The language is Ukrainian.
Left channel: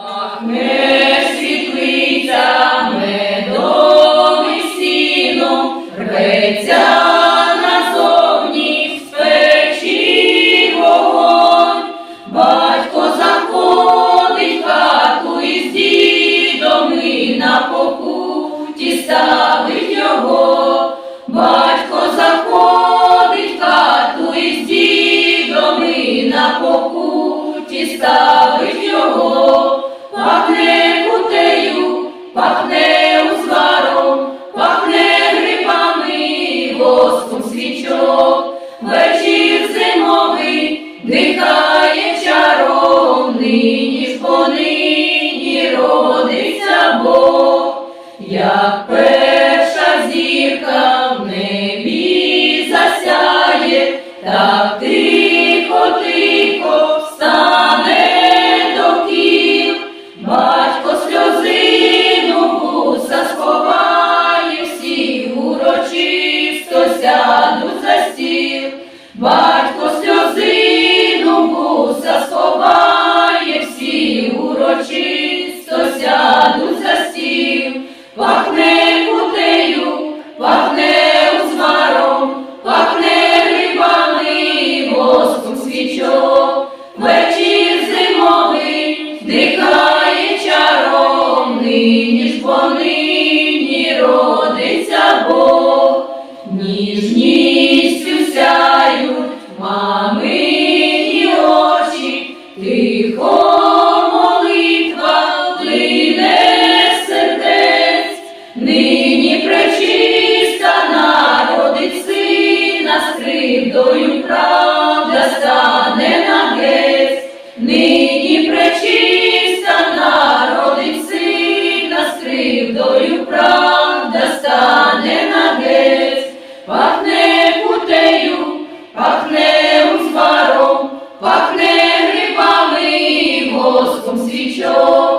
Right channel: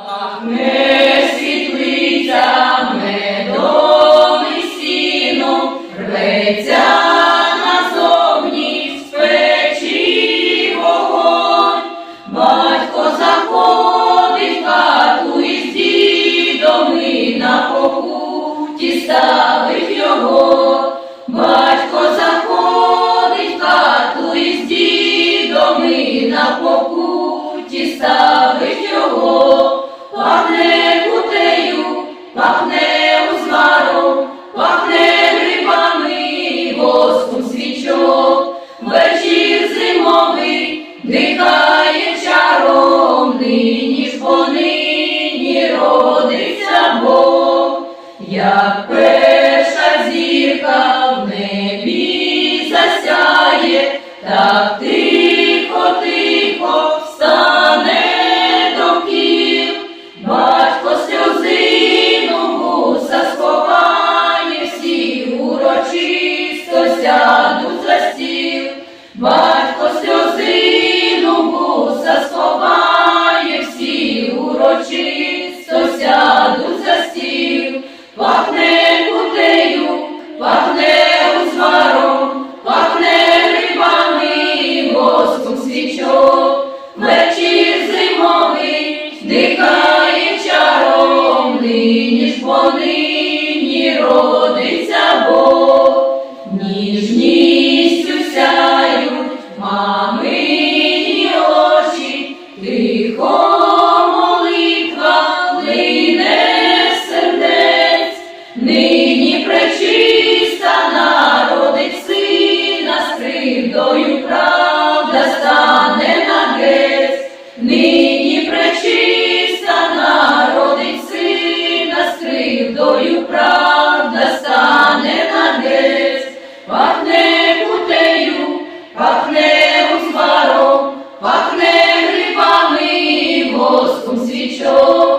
Пахне світлиця медом і сіном, рветься назовні з печі. Батько заходить хату із дідом на покуті ставить його. Батько заходить хату із дідом на покуті ставить його. Дихає чаром, нині ж бо родиться Бог, як перша зірка в небі засяє, так тихо, тихо стане довкіл. Батько сльозину вуса сховає, всі урочисто сядуть за стіл. Чаром, нині нині родиться Бог. Ніжністю сяють мамині очі, тихо молитва лине сердець, нині пречиста народить сина з правда Sweet Joe.